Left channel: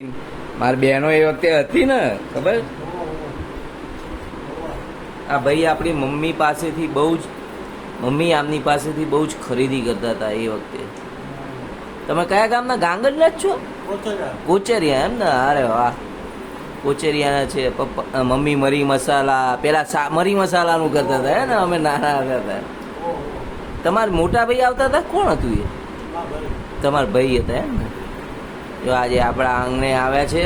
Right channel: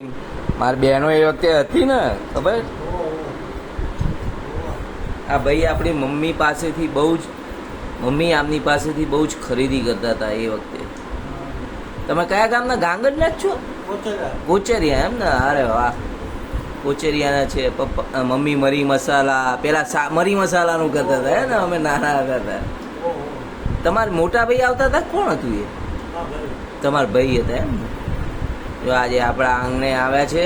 મારી બહેનો એ વખતે હતી ને ખબર. આ ભાઈ આપણી મમ્મી પાસેથી બહુ જ આમની પાસેથી બહુ જ ખરીદી કરતા હતા એ વખતે. તમે કયા ગામના? ગાંગડના જ છો? કોચેરિયા એમ ને? અરે વાહ, કોચેરિયાના છે. પપ્પા મમ્મી મરી મસાલા, પેલા મરી મસાલાનું કરતા હતા ને અમે નાના હતા. તમારા મોટા ભાઈ આવતા હતા? કોણ હતું એ? તમારા ભાઈ હતા એમ ને? તો આજે આપણા આંગણે આવ્યા છે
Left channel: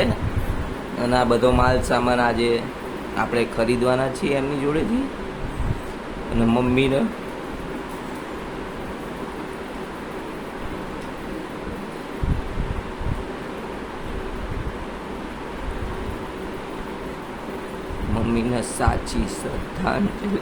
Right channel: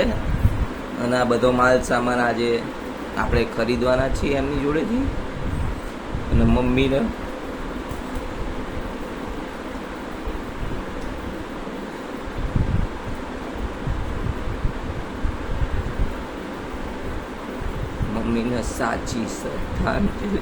અને આ બધો માલ સામાન આજે આપણે ખરીદવાના છીએ એમની જોડેથી. અને મમ્મીને સાચી શ્રદ્ધાંજલિ.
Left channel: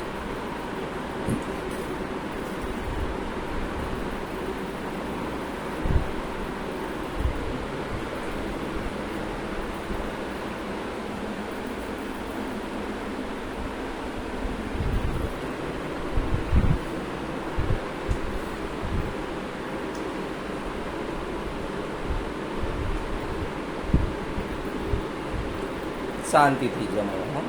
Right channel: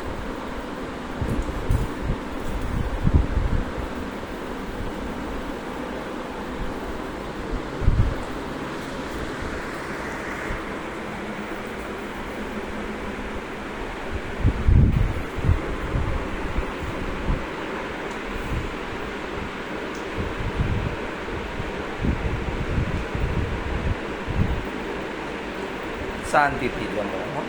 શાંતિથી જમો.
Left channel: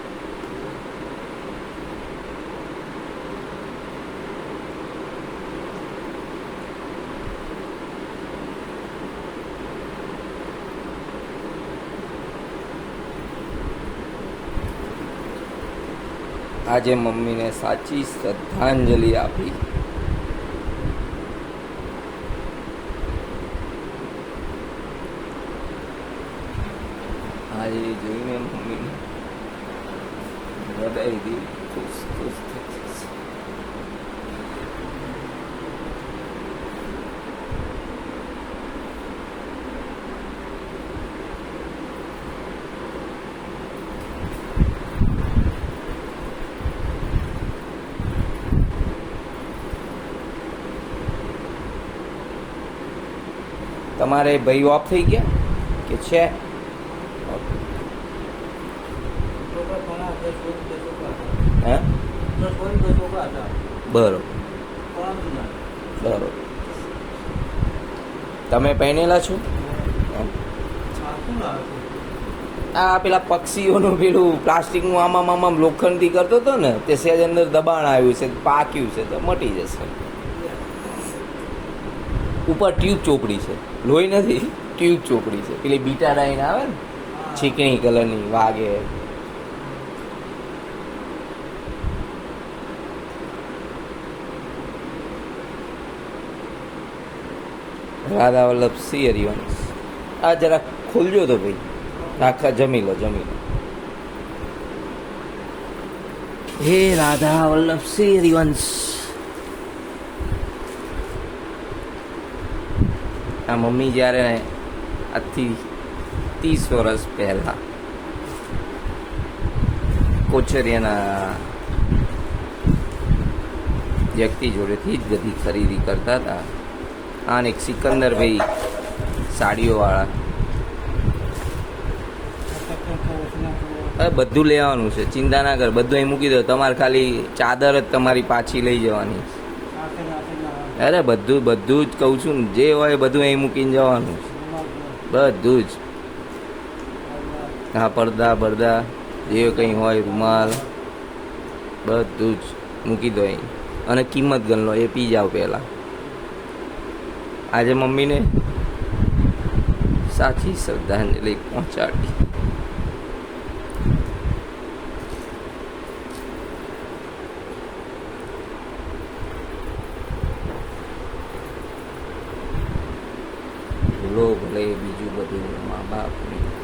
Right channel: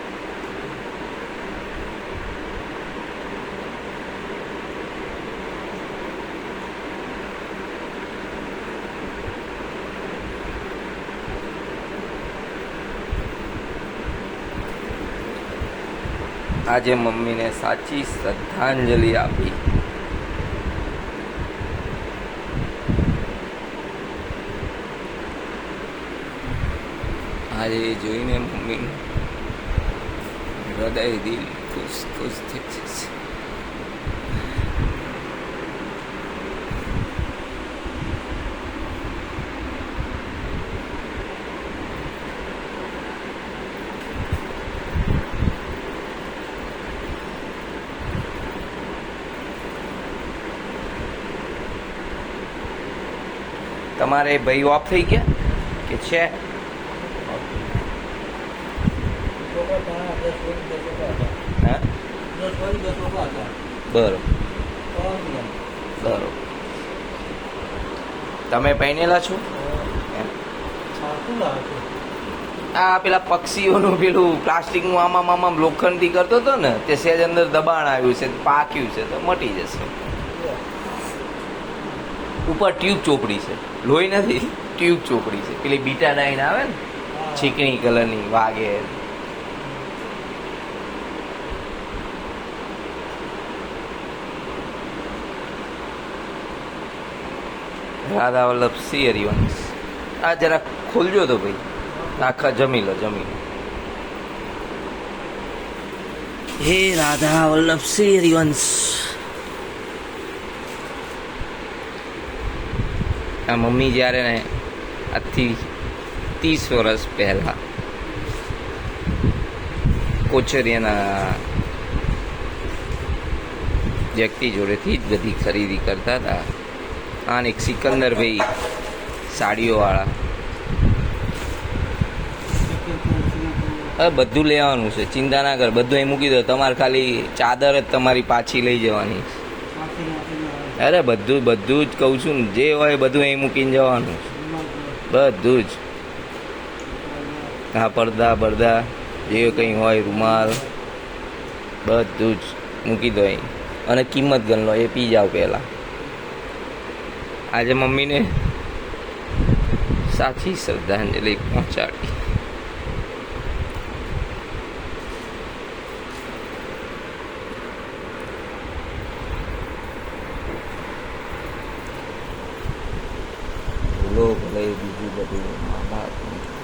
આજે મમ્મીને સાચી શ્રદ્ધાંજલિ આપી. આજે જોઈને મમ્મીનું હૃદય દિલ ખુશ ખુશ થઈ જશે. તમારે ભાઈ ઓફ થઈ ગયા કે છે? બરોબર બરોબર. તમે પહેરેલા છો? આ પેલા પક્ષીઓનું પેલું પ્લાસ્ટિકનું આમાં લોખંડથી કરતો હતો ને, તે સહેજ અંદર દબાણ આવ્યું છે, પાક્યું છે, તો મટી જશે. ઉપર ટ્યુબ ચોપડી છે, લોહી નથી, ટ્યુબ ચોપડી છે. પેલી બીટાડાઈન આવે ને, ચીકણી કલરની વાગે. રાધા વલ્લભ સિંહ હરિવંશ. આ જરા ખોલજો તો ભાઈ, આખા જમી લો. હે રાધા વલ્લભ સિંહ હરિવંશ. આ મમ્મી જ્યારે આજથી 30 વર્ષ પહેલા કોચરિયાના વ્યક્તિ જોડેથી જ બધી ખરીદી કરતા હતા. આને એક સિકંદરભાઈ સાડીઓવાળા. બધું લેવાનું છે, ચિંતા ના કર, બધું અહીં મૂકી દો. તમારે ખાલી ચાદર જ તમારી પાછી લઈ જવાની. અરે બધું જ કહું છું ને, જે હોય બધું અહીં મૂકીને જવાનું. બધું જ. હા, પડદા જે કંઈ હોય, રૂમાલ, બધું જ મૂકી દો અહીં. અને કિંમત ગણ લો, એ પી જાઓ પહેલાં. આજે મમ્મીને સાચી શ્રદ્ધાંજલિ પહોંચાડી. ભૂલો ભલે બીજું બધું મા બાપની